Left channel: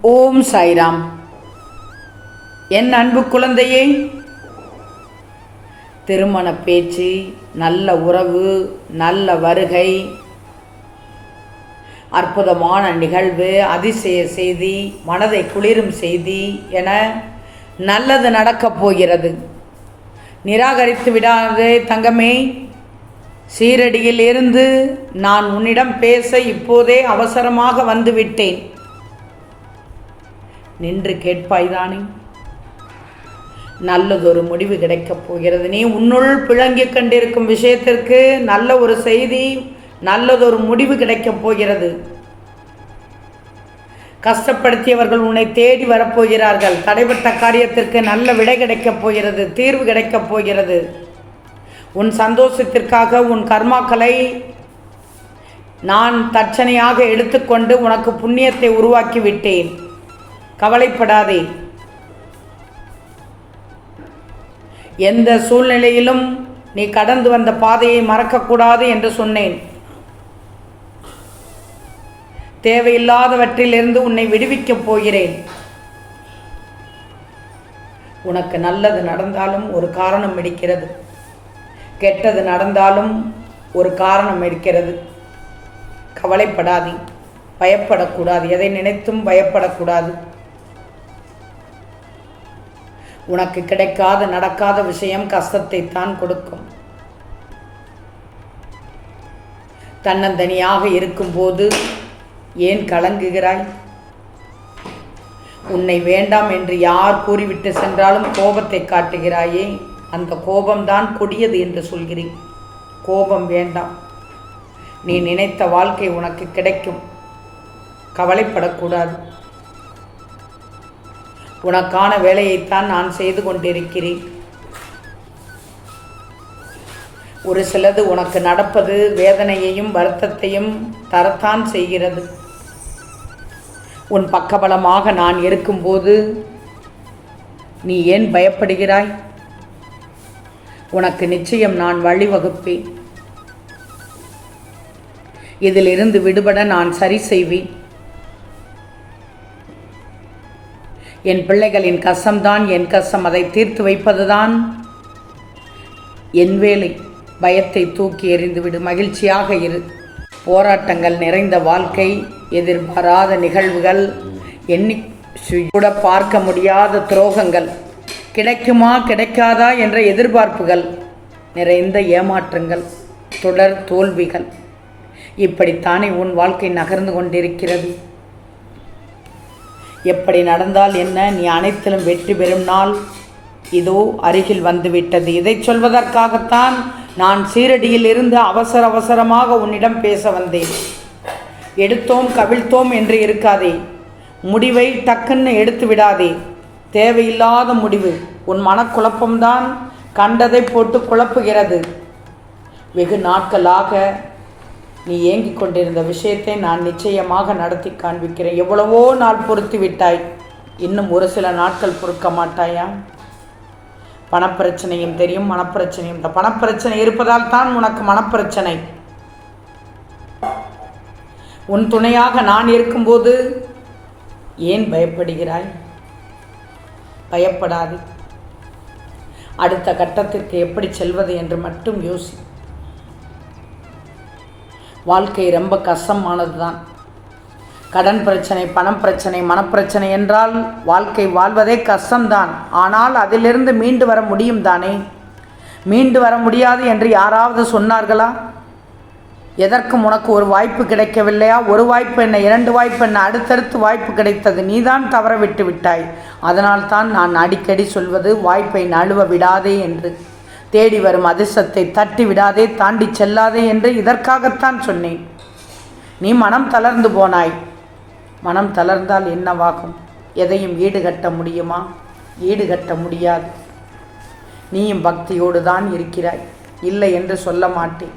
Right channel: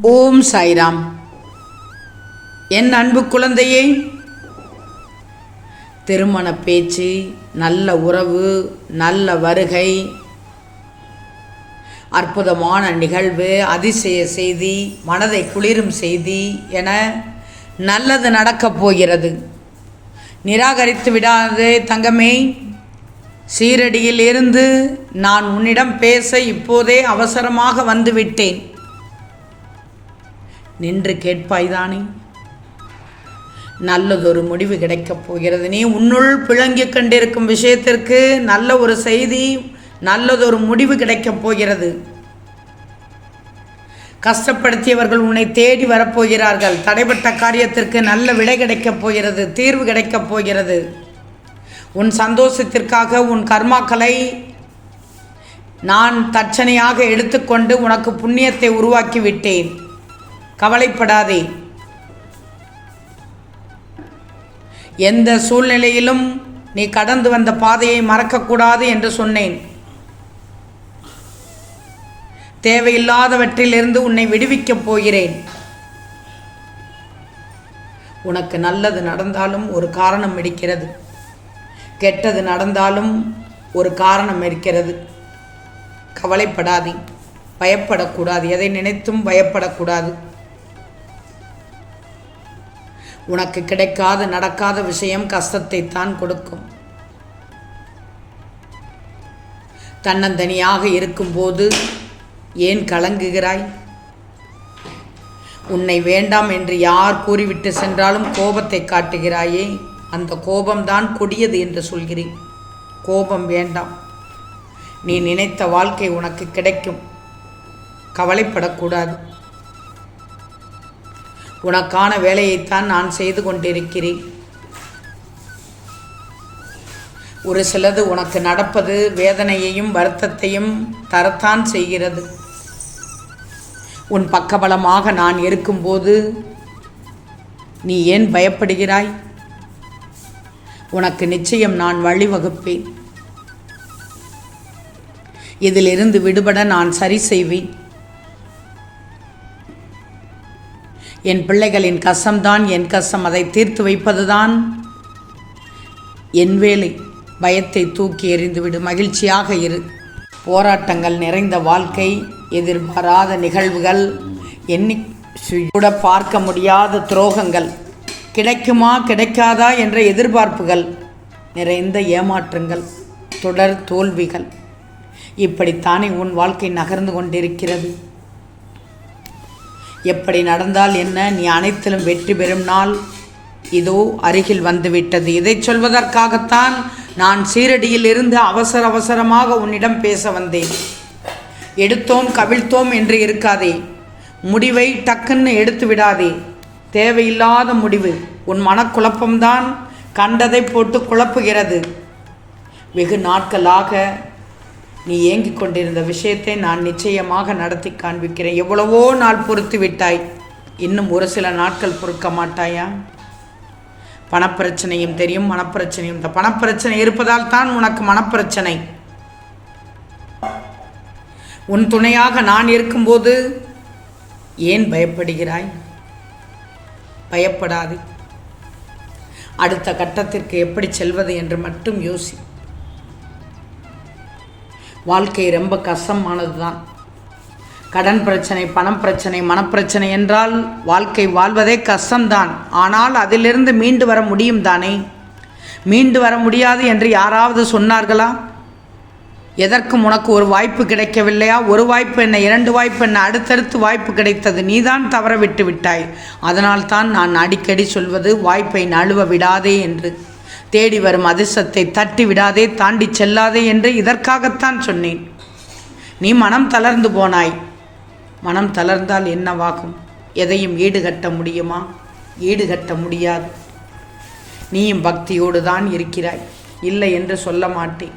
ஓம் சாய்ராம். என் அன்பு குழந்தையே திருமண பேச்சு நல்ல உறவு நல்ல வருகை அற்புதமான நிகழ்வு அதிசய செய்தி மனதை குளிரும் செய்தி என நல்லது நடக்கப் போகிறது. நிராகரித்து விடாதே தங்கமே சீரடியில் இருந்து நான் உன்னிடம் பேச இப்போதே அவசரமாக வந்துவிட்டேன். நின்று கேட்பாய்தானே? நல்லதொரு முடிவு கிடைக்கப் போகிறது. நீ உன்னுள் பிழங்கிக் கொண்டிருக்கும் விஷயத்திற்கு நல்ல ஒரு செய்தி நல்லதொரு முடிவு கிடைக்கப் போகிறது. கஷ்டப்படுத்தியவர்கள் உன்னை தேடி வரப்போகிறார்கள் தடைப்பட்ட காரியத்திற்கு நல்ல விடை கிடைக்கப் போகிறது தீர்வு கிடைக்கப் போகிறது. உன் சந்தோஷத்திற்காக உன் கர்மாக்களை நான் தட்சணையாக எடுத்துக்கொண்டு உனக்கு புண்ணியத்தை உருவாக்கி விட்டேன். கவலைப்படாதே. எந்த சூழ்நிலையிலும் நீ கடந்து வந்த பாதையை மறக்கக்கூடாது என்று சொன்னேன். தேவையில்லாதவற்றிலிருந்து உன்னை விடுவிக்கப் போகிறேன். உனக்கு நல்லது நடந்தாலும் ஒரு காரணம் இருக்கிறது. கெட்டது நடந்தாலும் ஒரு காரணம் இருக்கிறது. கவலைப்படாதே. பயப்படக்கூடாது. எதை நினைத்தும் பயப்படக்கூடாது. உனக்கு கிடைக்காத நடக்காத விஷயம் கஷ்டத்தை தான் கொடுக்கும். தன்னந்தனியாக இருக்கும்போது ஏன் கலங்குகிறாய்? உன்னை வேண்டாம் என்று யார் கூறிவிட்டு சென்றாலும் கோபத்தை காட்டுகிறாயே? அந்த கோபம்தான் கொடியது என்று சொல்கிறேன். கோபம் வேண்டாம். நீ நினைத்த வாழ்க்கை உனக்கு கிடைக்கும். கவலைப்படக்கூடாது. உனக்கான வேலையைத்தான் நான் செய்து கொண்டிருக்கிறேன். ஒரு சிலது உனக்கு நடப்பது வேதனையையும் வருத்தத்தையும் தரத்தான் செய்கிறது. உன் பக்கபலமாக நான் இருக்கும்போது நீ ஏன் பயப்படுகிறாய்? உனக்கு நிச்சயம் நான் வழிவகுப்பேன். இதிலிருந்து விடுபட நான் சரி செய்வேன். என் பிள்ளைகளின் கசம்தான் என் கசம் அதை தீர்த்து வைப்பதுதான். என் வேலை பயத்தை தூக்கி எறிந்துவிடு மகிழ்ச்சியாக இரு. போராட்டங்கள் நிறைந்த வாழ்க்கை எதிர்பாராத நிகழ்வுகள் எண்ணி கூட பார்க்க முடியாத துரோகங்கள். கிடைக்குமா கிடைக்காதா என்ற எதிர்பார்ப்புகள் நிறைந்த ஏமாற்றங்கள் தொடர் தோல்விகள். இப்படித்தானே உன் வாழ்க்கை நகர்ந்து கொண்டிருக்கிறது. எப்படி நடந்தால் என்ன? நீ அனைத்திலும் வெற்றி பெறும் நாள் இதோ அருகில் வந்துவிட்டது. இதை சொல்வதற்காகத்தான் நான் சீரடியில் இருந்து அவசர அவசரமாக உன்னிடம் பேச வந்தேன். எடுத்தோம் கவிழ்த்தோம் என்று இருக்காதே. முடிவை டக்குன்னு எடுத்து விடாதே. தேவையில்லாத முடிவு. உன் மனக்குழப்பம்தான் கண்டதை போட்டு குழப்புகிறது. வெகு நாட்களாக நீ ஏங்கிக் கொண்டிருந்த விஷயத்தை நான் நிச்சயமாக நடத்தி காண்பிக்கிறேன். எவ்வளவோ நாள் பொறுத்து விட்டாய். இன்னும் ஒரு சில நாட்கள் பொறுக்க மாட்டாயா? பணப்பிரச்சனையும் தெரியும் மனப்பிரச்சனையும் இந்த பணப்பிரச்சனை இருப்பதால் தான் உனக்கு மனப்பிரச்சனை. உன் துணையாக நான் இருக்கும்போது ஏன் பயப்படுகிறாய்? பயப்படாது. அடுத்த கட்டத்திற்கு எப்படி செல்வது என்று மட்டும் யோசி. வாழ்க்கை ரொம்ப கஷ்டமானது தான் கடன் பிரச்சனை பணம் பிரச்சனை மனப்பிரச்சனை என்றால் வாழ்க்கை வாழ்வதே கஷ்டம்தான். ஆனால் அதிலிருந்து மீண்டு வர முடியும் தானே? மீண்டு வர முடியாது என்று யாராவது சொன்னார்களா? எதற்கும் உனக்கு ஒரு வாய்ப்பு கிடைக்கவில்லையா? ஒரு வாய்ப்பு என்ன இரண்டு வாய்ப்பு என்ன அடுத்தடுத்து வாய்ப்பு கிடைத்தது நீதான் தவற விட்டு விட்டாய். அதனால் தான் நான் அடிக்கடி சொல்வது வாய்ப்பை நழுவ விடாதே என்று. தேடி வரும் அதிர்ஷ்டத்தை தட்டி விடாதே தாண்டி செல்லாதே என்று இதற்காகத்தான் சொன்னேன். நீ மனம் தளர்ந்து போனாய். மனம் தளர்ந்தால் என்னவாகும்? எதையும் ஈடுகட்ட முடியுமா? ஈடுகட்ட முடியாது. நீயும் பக்தியோடு தான் இருக்கிறாய். இல்லை என்று சொல்ல மாட்டேன்.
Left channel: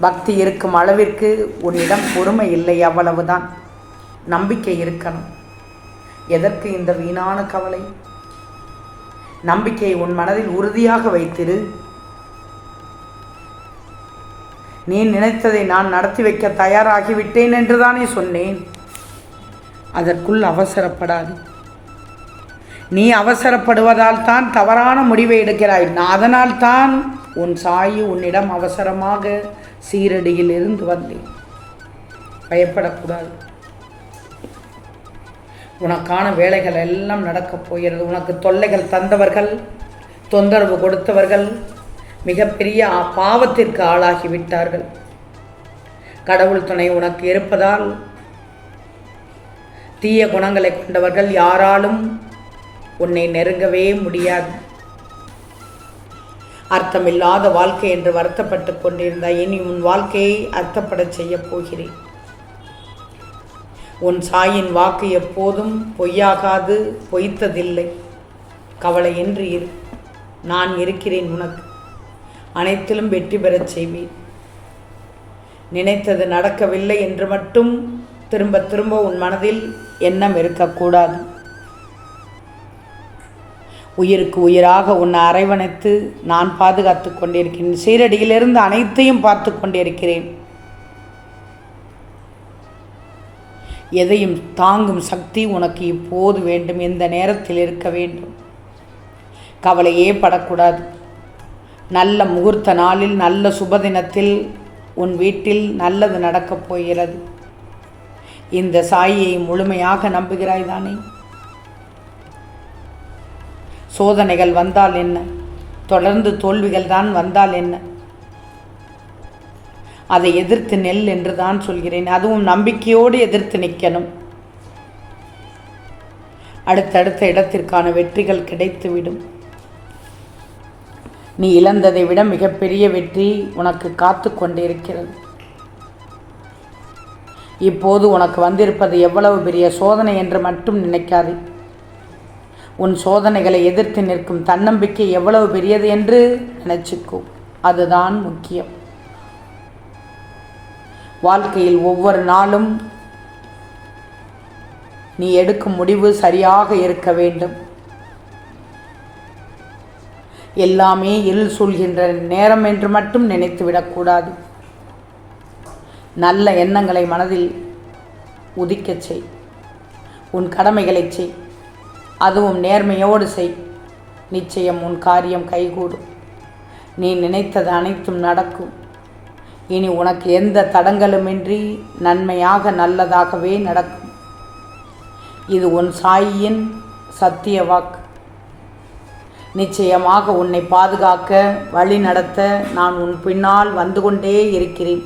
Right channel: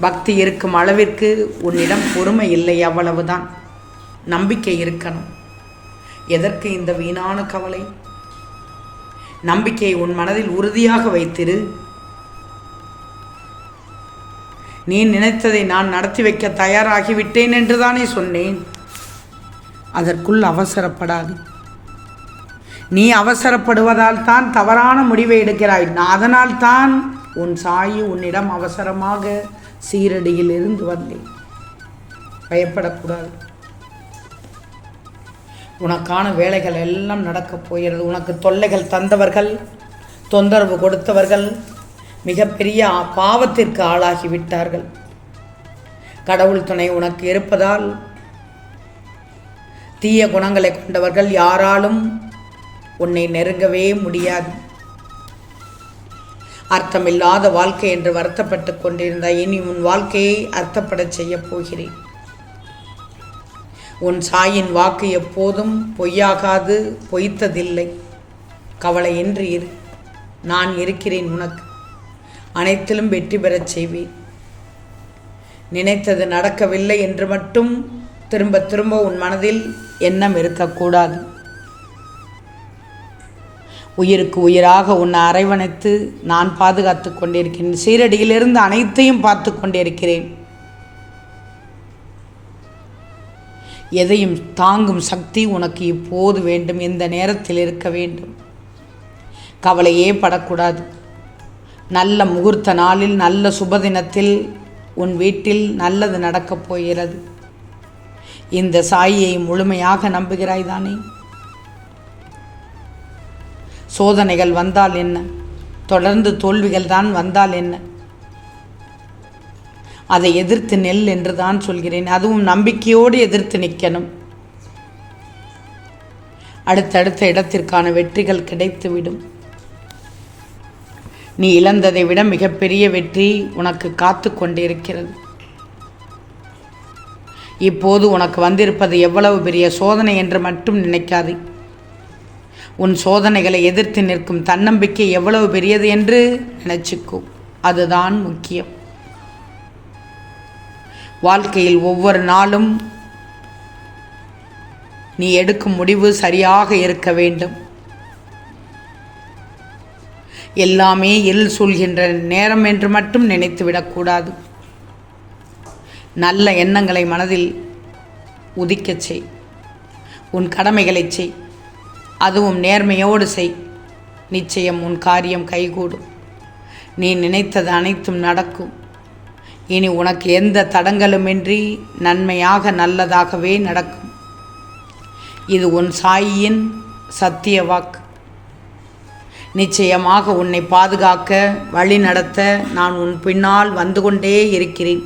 பக்தி இருக்கும் அளவிற்கு உன்னிடம் பொறுமை இல்லை அவ்வளவுதான். நம்பிக்கை இருக்கணும். எதற்கு இந்த வீணான கவலை? நம்பிக்கையை உன் மனதில் உறுதியாக வைத்திரு. நீ நினைத்ததை நான் நடத்தி வைக்க தயாராகிவிட்டேன் என்றுதானே சொன்னேன். அதற்குள் அவசரப்படாது. நீ அவசரப்படுவதால் தான் தவறான முடிவை எடுக்கிறாய். நான் அதனால் தான் உன் சாயி உன்னிடம் அவசரமாக சீரடியில் இருந்து வந்தேன். பயப்படக்கூடாது. உனக்கான வேலைகள் எல்லாம் நடக்கப் போகிறது. உனக்கு தொல்லைகள் தந்தவர்கள் தொந்தரவு கொடுத்தவர்கள் மிகப்பெரிய பாவத்திற்கு ஆளாகி விட்டார்கள் கடவுள் துணை உனக்கு இருப்பதால் தீய குணங்களை கொண்டவர்கள் யாராலும் உன்னை நெருங்கவே முடியாது. அர்த்தமில்லாத வாழ்க்கை என்று வருத்தப்பட்டு கொண்டிருந்தாய். இனி உன் வாழ்க்கையை அர்த்தப்படச் செய்யப் போகிறேன். உன் சாயின் வாக்கு எப்போதும் பொய்யாகாது பொய்த்ததில்லை. கவலையின்றி இரு. நான் இருக்கிறேன் உனக்கு. அனைத்திலும் வெற்றி பெறச் செய்வேன். நினைத்தது நடக்கவில்லை என்று மட்டும் திரும்ப திரும்ப உன் மனதில் எண்ணம் இருக்கக்கூடாது. உயிருக்கு உயிராக உன்னை அரைவணைத்து நான் பாதுகாத்து கொண்டிருக்கிறேன். சீரடியிலிருந்து அனைத்தையும் பார்த்து கொண்டிருக்கிறேன். எதையும் தாங்கும் சக்தி உனக்கு இப்போது வேண்டும். இந்த நேரத்தில் இருக்க வேண்டும். கவலையே படக்கூடாது. நல்ல முகூர்த்த நாளில் நல்ல சுபதினத்தில் உன் வீட்டில் நல்லது நடக்கப் போகிறது. இந்த சாயை முழுமையாக நம்புகிறாய் தானே? சோதனைகள் வந்தால் என்ன? தொடர்ந்து தோல்விகள் தான் வந்தால் என்ன? அதை எதிர்த்து நெல் என்று தான் சொல்கிறேன். அதுவும் நம்பிக்கையோடு எதிர்த்து நிற்கணும். அடுத்தடுத்த இடத்திற்கான வெற்றிகள் கிடைத்துவிடும். நீ இழந்ததை விட மிகப்பெரிய வெற்றி உனக்கு காத்து கொண்டிருக்கிறது. இப்போது உனக்கு வந்திருப்பது எவ்வளவு பெரிய சோதனை என்று மட்டும் நினைக்காதே. உன் சோதனைகளை எதிர்த்து நிற்கும் தன்னம்பிக்கை எவ்வளவு பெரியது என்று நினைச்சுக்கோ. அதுதான் முக்கியம். வாழ்க்கையில் ஒவ்வொரு நாளும் நீ எடுக்கும் முடிவு சரியாக இருக்க வேண்டும். எல்லாமே இல் சொல்கின்ற நேரம் என்று மட்டும் நினைத்து விடக்கூடாது. நல்ல எண்ணங்களை மனதில் உதிக்கச் செய். உன் கடமைகளைச் செய். அதுவும் நேர்மையோடு செய். நிச்சயம் உன் காரியம் கைகூடும். நீ நினைத்தது அனைத்தும் நடக்கும். இனி உனக்கு எந்த தடங்கலுமின்றி நன்மையாக நல்லதாகவே நடக்கும். இது உன் சாயியின் சத்திய வாக்கு. நிச்சயமாக உன்னை பாதுகாக்க வழி நடத்த நான் உன் பின்னால் வந்து கொண்டே இருக்கிறேன்.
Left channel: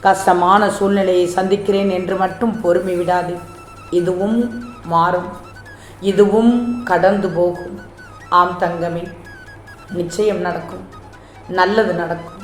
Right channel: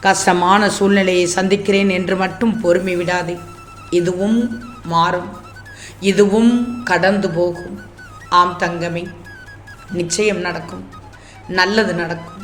கஷ்டமான சூழ்நிலையை சந்திக்கிறேன் என்று மட்டும் பொறுமை விடாதே. இதுவும் மாறும். இதுவும் கடந்து போகும். ஆம் தங்கமே நிச்சயம் நடக்கும். நல்லது நடக்கும்.